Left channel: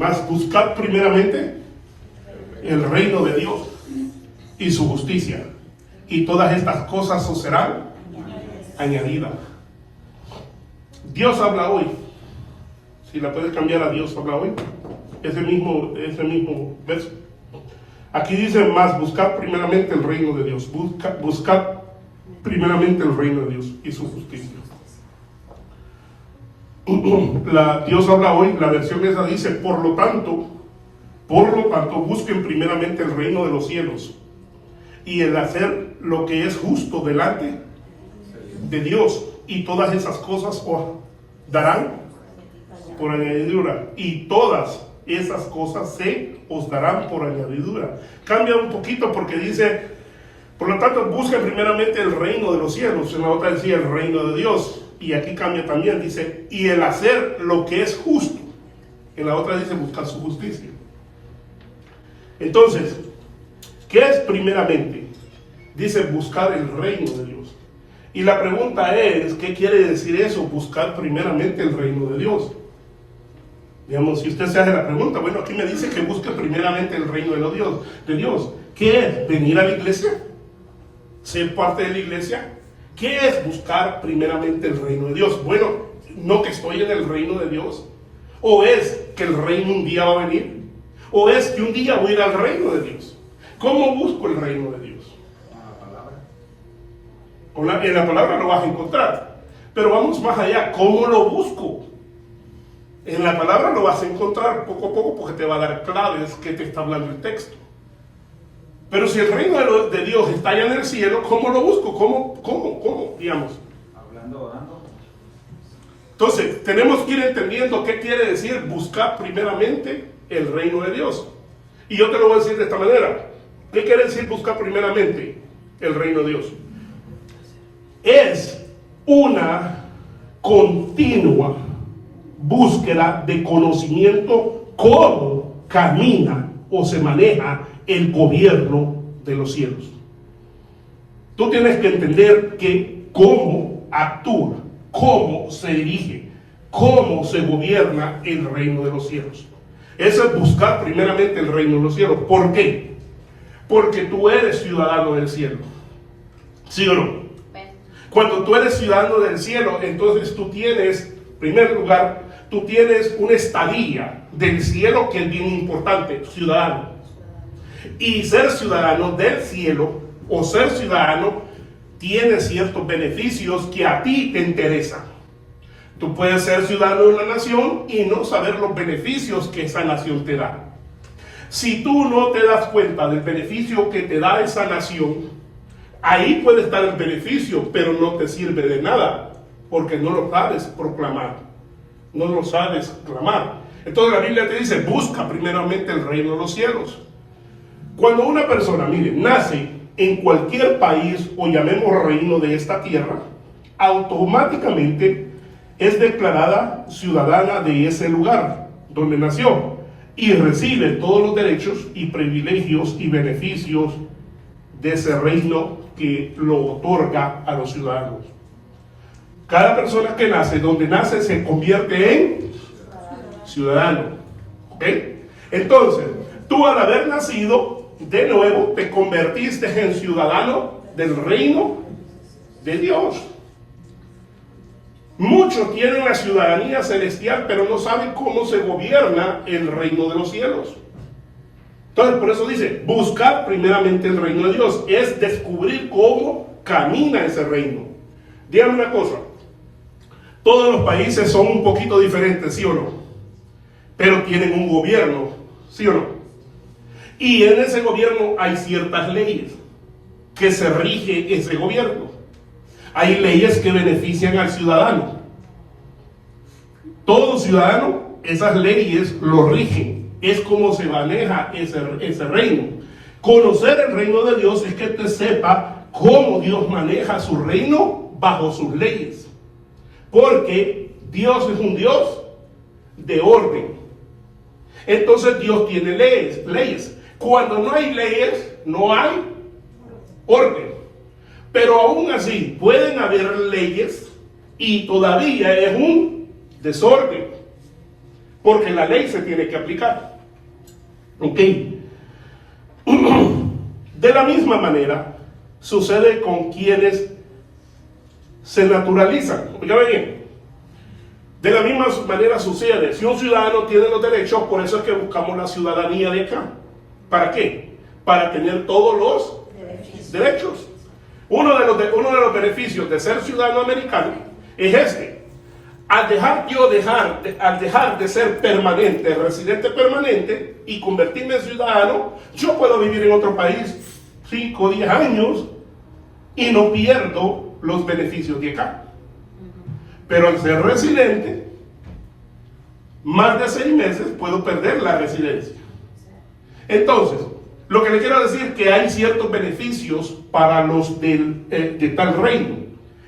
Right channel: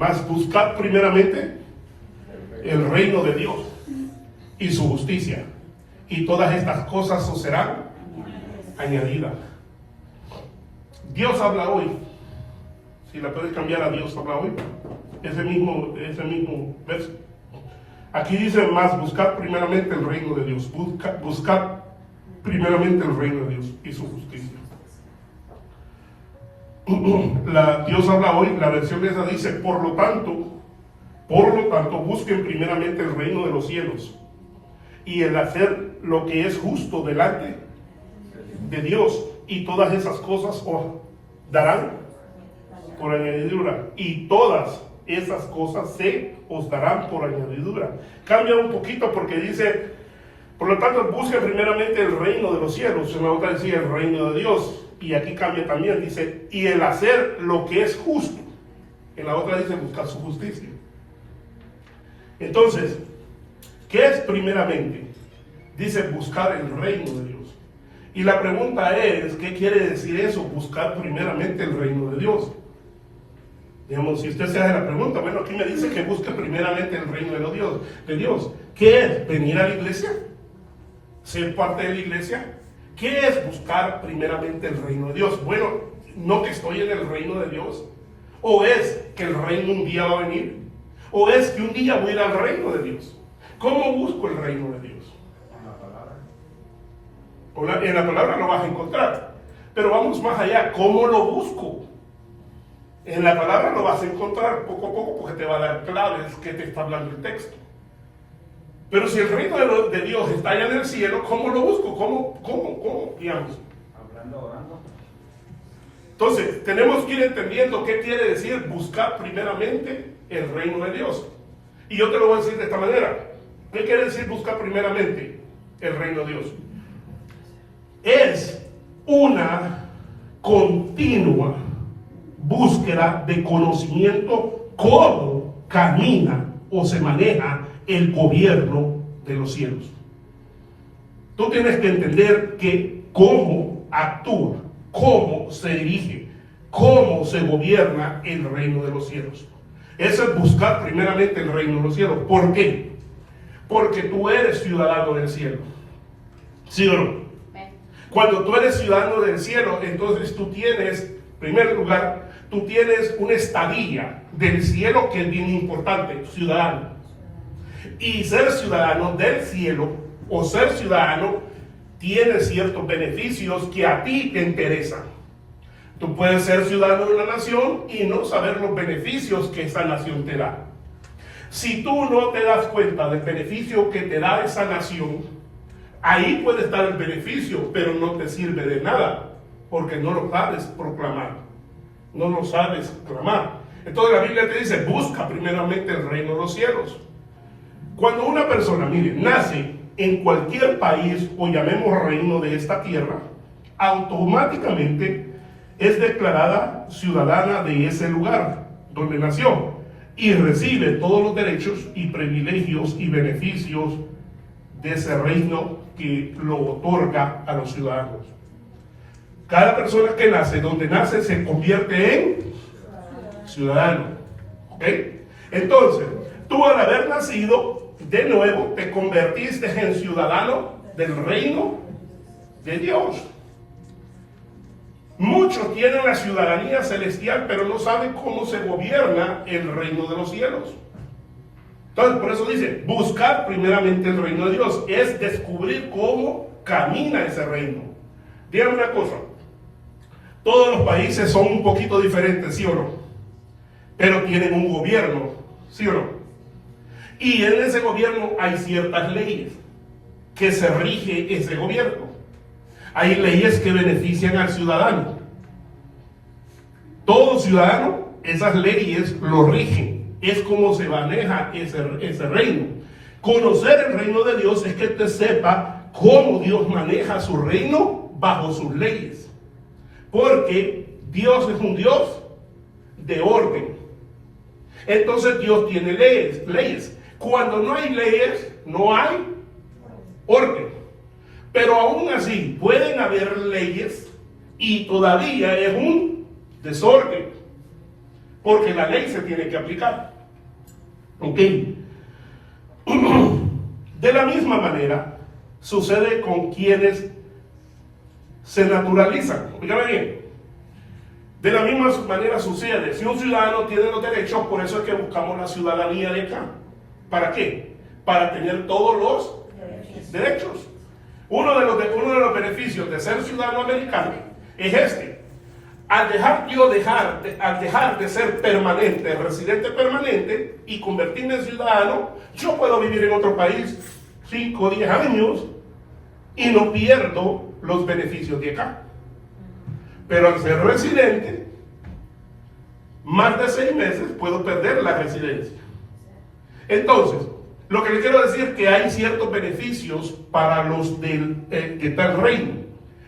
Mas buscad primeramente el reino de Dios y su justicia, y todas estas cosas os serán añadidas. Dios habla hoy. Si la puedes cambiar a Dios habla hoy. Ese mismo verso. Aquí dice más, buscad primeramente el reino de Dios. Buscad primeramente el reino de Dios y su justicia. Dios habla hoy, la versión esa dice, por lo tanto, busquen primeramente el reino de los cielos y el hacer lo que es justo delante de Dios, y todas esas cosas os darán por añadidura, y todas esas cosas se os darán por añadidura. Cambia un poquito porque dice, por lo tanto, busquen primeramente el reino de los cielos. En la otra decía el reino de Dios, y aquí cambia también, dice, y el hacer lo que es justo. En la otra dice buscar su justicia. Entonces, ¿qué es primeramente? Dice buscar el reino de Dios. Y la pregunta es, ¿qué quiere decir eso? Buscar primeramente el reino de Dios. Digamos, si usted se hace la pregunta, bueno, aquí me dice que busque primeramente el reino de Dios. ¿Qué es? ¿Venir a la iglesia? ¿Ser parte de la iglesia? ¿Qué es buscar primeramente el reino de Dios? Bueno, no que estoy en el reino de Dios. ¿O es que el reino un día va a venir? ¿O es que un día voy a ir al reino de Dios? ¿Cómo busco el reino de Dios? En la palabra lo vas a encontrar. Pero vamos más allá. ¿Cómo lo busco? En la palabra lo vas a encontrar poco a poco porque te va a dar claves que te está hablando el texto. Pero si el reino de Dios está allá en el cielo, ¿cómo lo busco? ¿Cómo? Digamos. Hablando, orando. Entonces, tenemos que ir entendiendo qué quiere decir buscar primeramente el reino de Dios. Y yo te lo voy a decir de esta manera. ¿Qué quiere decir buscar primeramente el reino de Dios? Es una continua búsqueda de conocimiento cómo camina o se maneja el gobierno de los cielos. Tú tienes que entender que cómo actúa, cómo se dirige, cómo se gobierna el reino de los cielos. Eso es buscar primeramente el reino de los cielos. ¿Por qué? Porque tú eres ciudadano del cielo. ¿Sí o no? Cuando tú eres ciudadano del cielo, entonces tú tienes, en primer lugar, tú tienes una estadía del cielo que es bien importante, ciudadano. Y ser ciudadano del cielo o ser ciudadano tiene ciertos beneficios que a ti te interesan. Tú puedes ser ciudadano de una nación y no saber los beneficios que esa nación te da. Si tú no te das cuenta del beneficio que te da esa nación, ahí puede estar el beneficio, pero no te sirve de nada, porque no lo sabes proclamar, no lo sabes clamar. Entonces la Biblia te dice, busca primeramente el reino de los cielos. Cuando una persona, mire, nace en cualquier país o llamemos reino de esta tierra, automáticamente es declarada ciudadana de ese lugar donde nació y recibe todos los derechos y privilegios y beneficios de ese reino que lo otorga a los ciudadanos. Cada persona que nace, donde nace, se convierte en ciudadano. ¿Ok? Entonces, tú al haber nacido, de nuevo te convertiste en ciudadano del reino de Dios. Muchos tienen la ciudadanía celestial, pero no saben cómo se gobierna el reino de los cielos. Entonces, por eso dice, buscar primeramente el reino de Dios, es descubrir cómo camina ese reino. Díganme una cosa, todos los países son un poquito diferentes, ¿sí o no? Pero tienen un gobierno, ¿sí o no? Y en ese gobierno hay ciertas leyes que se rige ese gobierno. Hay leyes que benefician al ciudadano. Todo ciudadano, esas leyes lo rigen. Es como se maneja ese reino. Conocer el reino de Dios es que usted sepa cómo Dios maneja su reino bajo sus leyes. Porque Dios es un Dios de orden. Entonces Dios tiene leyes. Cuando no hay leyes, no hay orden. Pero aún así, pueden haber leyes y todavía es un desorden. porque la ley se tiene que aplicar. ¿Ok? De la misma manera sucede con quienes se naturalizan. Oigan bien. De la misma manera sucede, si un ciudadano tiene los derechos, por eso es que buscamos la ciudadanía de acá. ¿Para qué? Para tener todos los derechos. Uno de los beneficios de ser ciudadano americano es este. Al dejar de ser permanente, residente permanente, y convertirme en ciudadano, yo puedo vivir en otro país 5 o 10 años y no pierdo los beneficios de acá. Pero al ser residente, más de 6 meses puedo perder la residencia. Entonces, lo que le quiero decir es que hay ciertos beneficios para los de tal reino.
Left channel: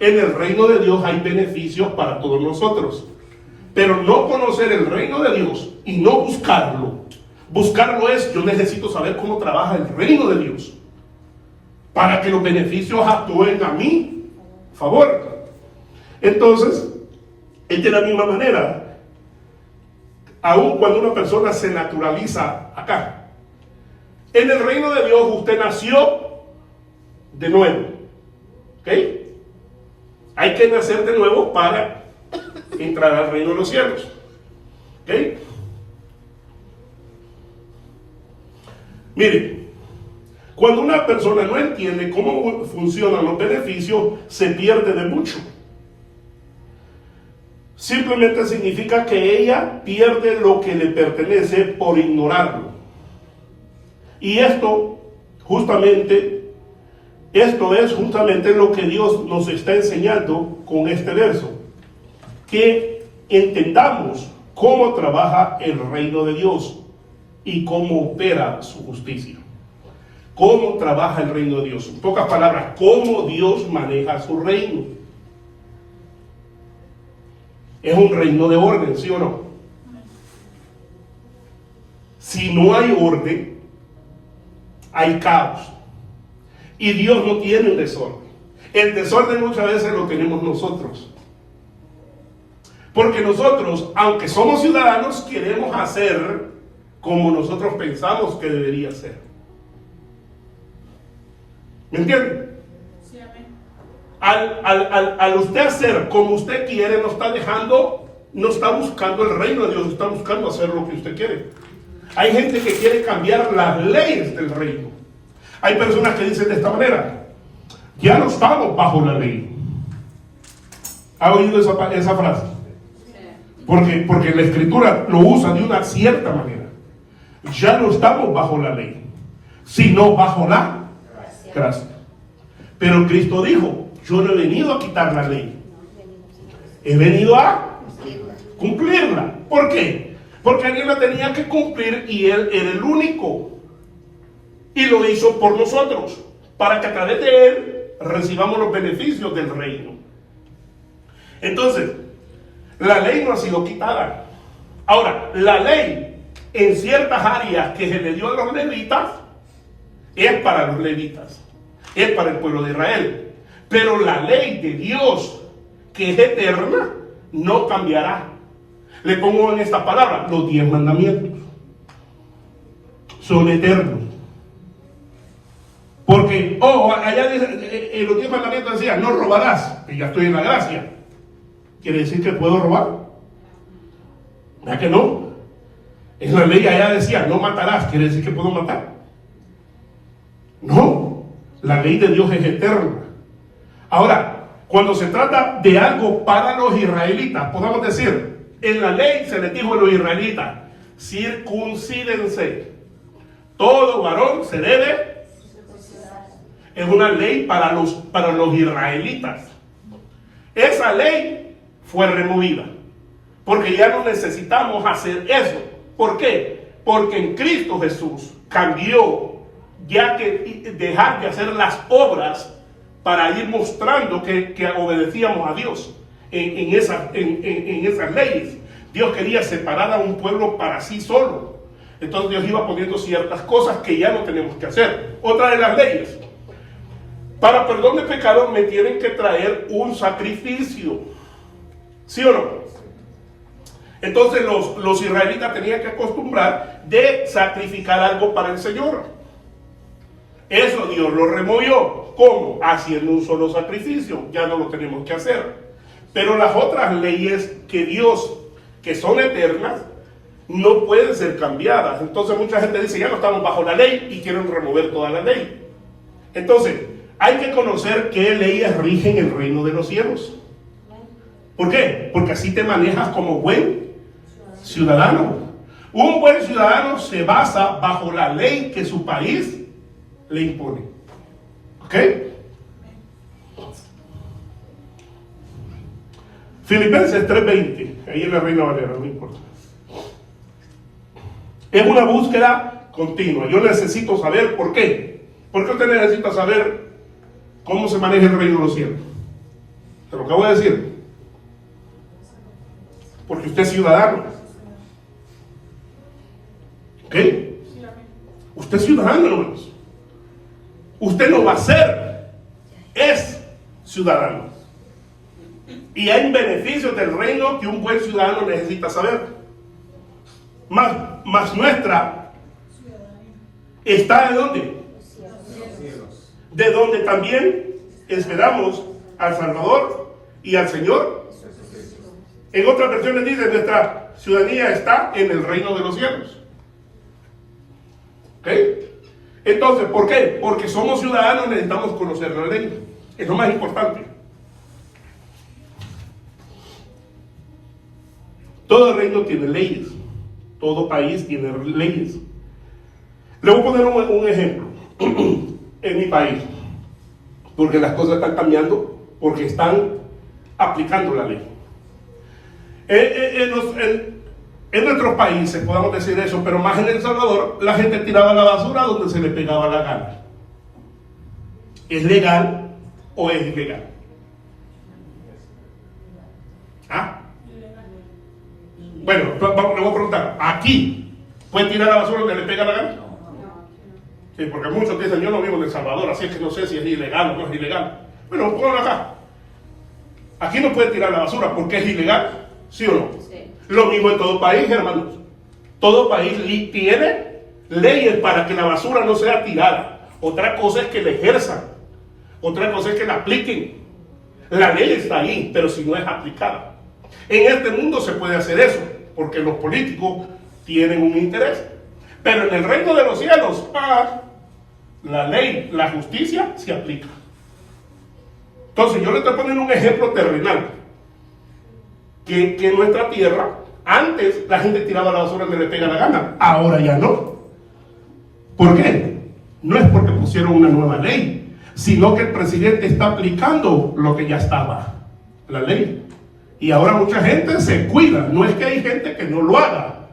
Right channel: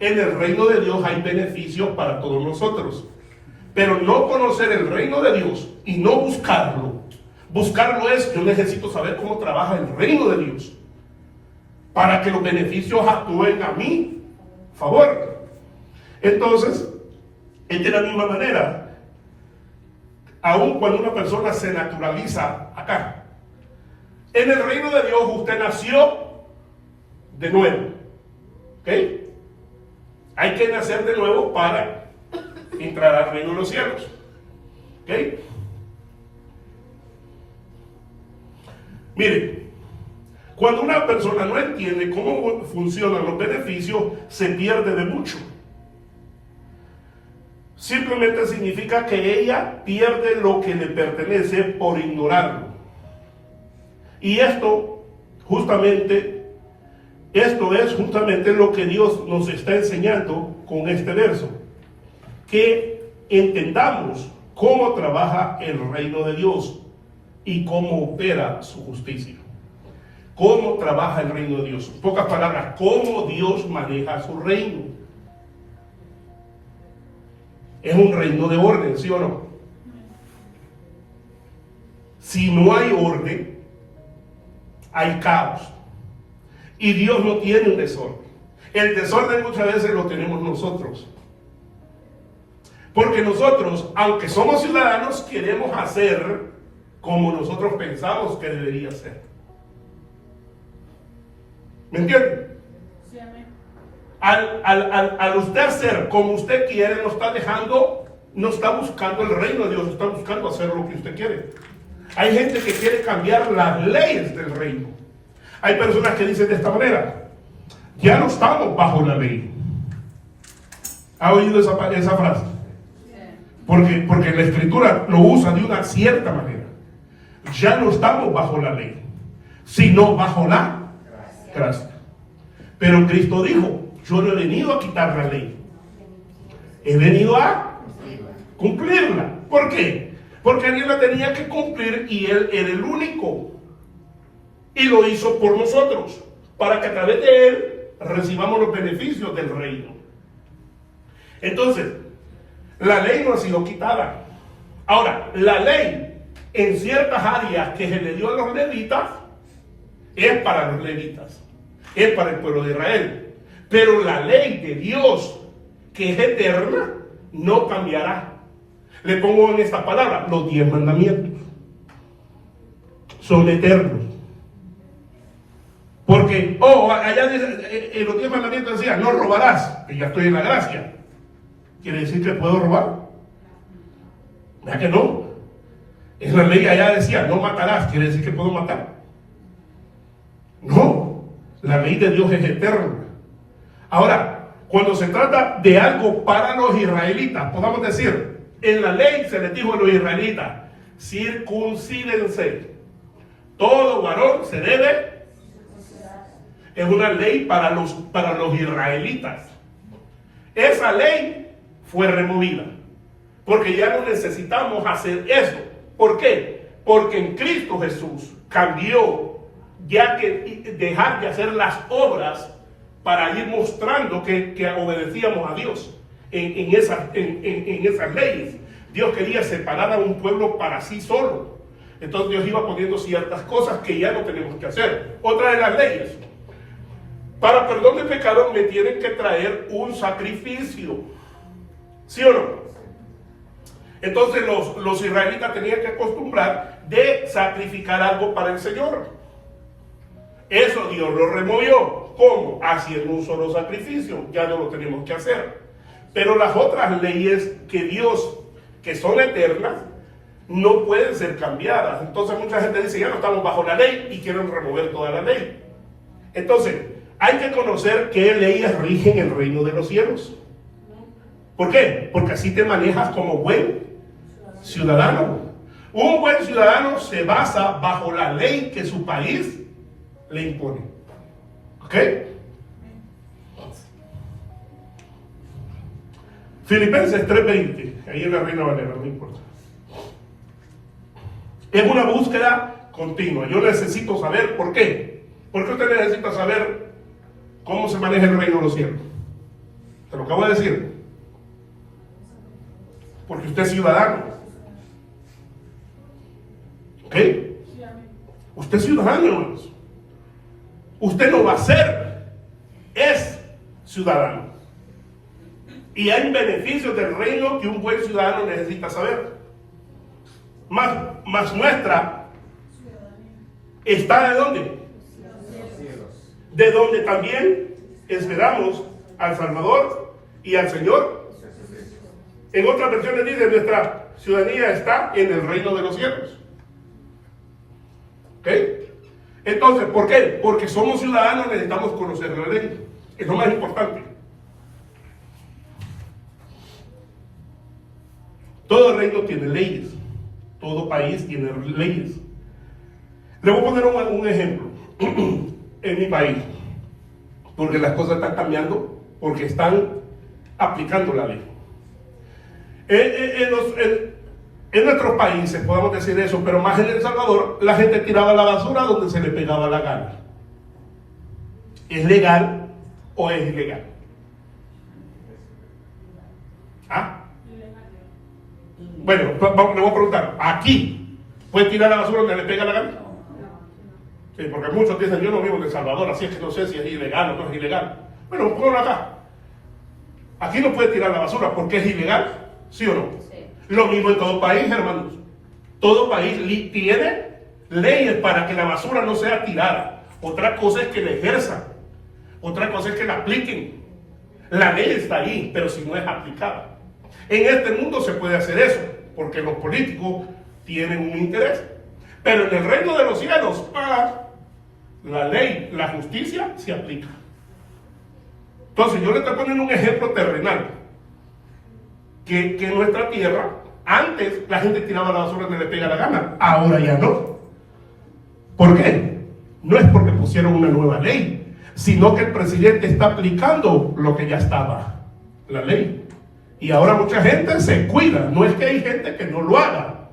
En el reino de Dios hay beneficios para todos nosotros. Pero no conocer el reino de Dios y no buscarlo. Buscarlo es, yo necesito saber cómo trabaja el reino de Dios para que los beneficios actúen a mi favor. Entonces, es de la misma manera, aun cuando una persona se naturaliza acá. En el reino de Dios usted nació de nuevo. ¿Ok? Hay que nacer de nuevo para entrar al reino de los cielos. ¿Ok? Mire, cuando una persona no entiende cómo funcionan los beneficios, se pierde de mucho. Simplemente significa que ella pierde lo que le pertenece por ignorarlo. Y esto es justamente lo que Dios nos está enseñando con este verso. Que entendamos cómo trabaja el reino de Dios y cómo opera su justicia. Cómo trabaja el reino de Dios. En pocas palabras, cómo Dios maneja su reino. Es un reino de orden, ¿sí o no? Si no hay orden, hay caos. Y Dios no tiene un desorden. El desorden muchas veces lo tenemos nosotros. Porque nosotros, aunque somos ciudadanos, queremos hacer como nosotros pensamos que debería ser. ¿Me entienden? Sí, amén. Al usted hacer como usted quiere, no está buscando el reino de Dios, está buscando hacer lo que usted quiere. Hay gente que quiere cambiar las leyes del reino. Hay personas que dicen de esta manera: ya no estamos bajo la ley. ¿Ha oído esa frase? Porque la escritura lo usa de una cierta manera. Ya no estamos bajo la ley, sino bajo la gracia. Pero Cristo dijo: yo no he venido a quitar la ley, he venido a cumplirla. ¿Por qué? Porque alguien la tenía que cumplir y Él era el único. Y lo hizo por nosotros, para que a través de Él recibamos los beneficios del reino. Entonces, la ley no ha sido quitada. Ahora, la ley en ciertas áreas que se le dio a los levitas es para los levitas, es para el pueblo de Israel. Pero la ley de Dios, que es eterna, no cambiará. Le pongo en esta palabra: los 10 mandamientos son eternos. Porque, allá en los 10 mandamientos decía: no robarás, y ya estoy en la gracia. ¿Quiere decir que puedo robar? ¿Verdad que no? En la ley allá decía: no matarás, ¿quiere decir que puedo matar? No, la ley de Dios es eterna. Ahora, cuando se trata de algo para los israelitas, podamos decir, en la ley se les dijo a los israelitas: circuncídense, todo varón se debe. Es una ley para los israelitas. Esa ley fue removida, porque ya no necesitamos hacer eso. ¿Por qué? Porque en Cristo Jesús cambió, ya que dejar de hacer las obras para ir mostrando que obedecíamos a Dios en esas leyes. Dios quería separar a un pueblo para sí solo. Entonces Dios iba poniendo ciertas cosas que ya no tenemos que hacer. Otra de las leyes: para perdón de pecado me tienen que traer un sacrificio. ¿Sí o no? Entonces los israelitas tenían que acostumbrar de sacrificar algo para el Señor. Eso Dios lo removió. ¿Cómo? Haciendo un solo sacrificio. Ya no lo tenemos que hacer. Pero las otras leyes que Dios, que son eternas, no pueden ser cambiadas. Entonces mucha gente dice, ya no estamos bajo la ley y quieren remover toda la ley. Entonces, hay que conocer qué leyes rigen el reino de los cielos. ¿Por qué? Porque así te manejas como buen ciudadano. Un buen ciudadano se basa bajo la ley que su país le impone. ¿Ok? Filipenses 3:20, ahí en la Reina Valera, no importa. Es una búsqueda continua. Yo necesito saber por qué. ¿Por qué usted necesita saber cómo se maneja el reino de los cielos? Te lo acabo de decir. Porque usted es ciudadano. ¿Ok? Usted es ciudadano, hermanos. Usted no va a ser, es ciudadano. Y hay beneficios del reino que un buen ciudadano necesita saber. Más nuestra está ¿de dónde? De donde también esperamos al Salvador y al Señor. En otras versiones dice, nuestra ciudadanía está en el reino de los cielos. ¿Ok? Entonces, ¿por qué? Porque somos ciudadanos, necesitamos conocer la ley. Es lo más importante. Todo reino tiene leyes. Todo país tiene leyes. Le voy a poner un ejemplo. En mi país. Porque las cosas están cambiando. Porque están aplicando la ley. En nuestros países, podemos decir eso, pero más en El Salvador, la gente tiraba la basura donde se le pegaba la gana. ¿Es legal o es ilegal? ¿Ah? Bueno, le voy a preguntar, ¿aquí puede tirar la basura donde le pega la gana? Sí, porque muchos dicen, yo no vivo en El Salvador, así es que no sé si es ilegal o no es ilegal. Bueno, ponlo acá. Aquí no puede tirar la basura porque es ilegal, ¿sí o no? Sí. Lo mismo en todo país, hermanos. Todo país tiene leyes para que la basura no sea tirada. Otra cosa es que la ejerzan. Otra cosa es que la apliquen. La ley está ahí, pero si no es aplicada. En este mundo se puede hacer eso, porque los políticos tienen un interés. Pero en el reino de los cielos, la ley, la justicia se aplica. Entonces yo le estoy poniendo un ejemplo terrenal. Que en nuestra tierra, antes la gente tiraba la basura donde le pega la gana, ahora ya no. ¿Por qué? No es porque pusieron una nueva ley, sino que el presidente está aplicando lo que ya estaba, la ley. Y ahora mucha gente se cuida, no es que hay gente que no lo haga,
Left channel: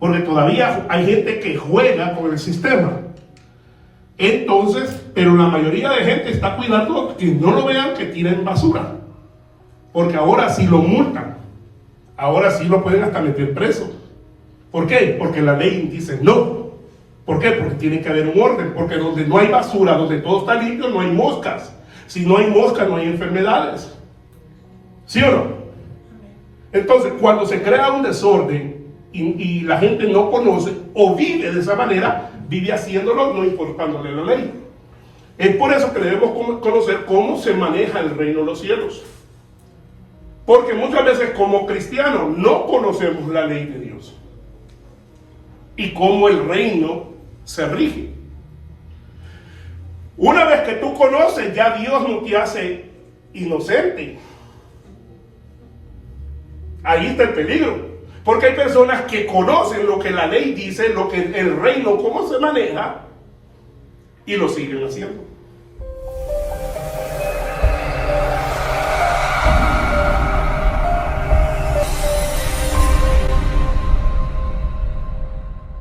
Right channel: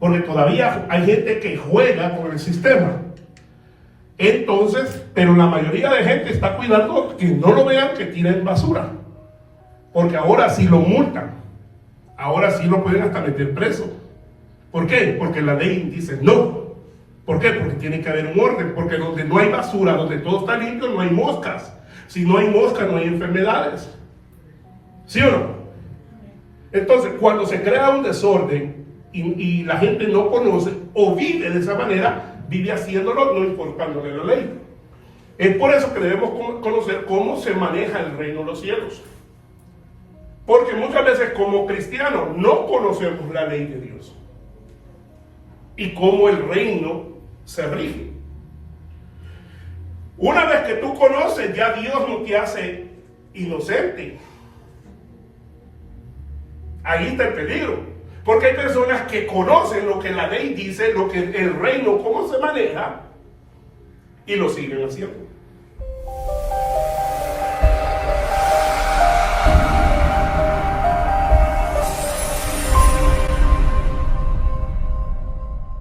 porque todavía hay gente que juega con el sistema. Entonces, pero la mayoría de gente está cuidando que no lo vean que tiren basura. Porque ahora sí lo multan. Ahora sí lo pueden hasta meter preso. ¿Por qué? Porque la ley dice no. ¿Por qué? Porque tiene que haber un orden. Porque donde no hay basura, donde todo está limpio, no hay moscas. Si no hay moscas, no hay enfermedades. ¿Sí o no? Entonces, cuando se crea un desorden y la gente no conoce o vive de esa manera, vive haciéndolo no importándole la ley. Es por eso que debemos conocer cómo se maneja el reino de los cielos. Porque muchas veces como cristianos no conocemos la ley de Dios y cómo el reino se rige. Una vez que tú conoces, ya Dios no te hace inocente. Ahí está el peligro. Porque hay personas que conocen lo que la ley dice, lo que el reino, cómo se maneja, y lo siguen haciendo.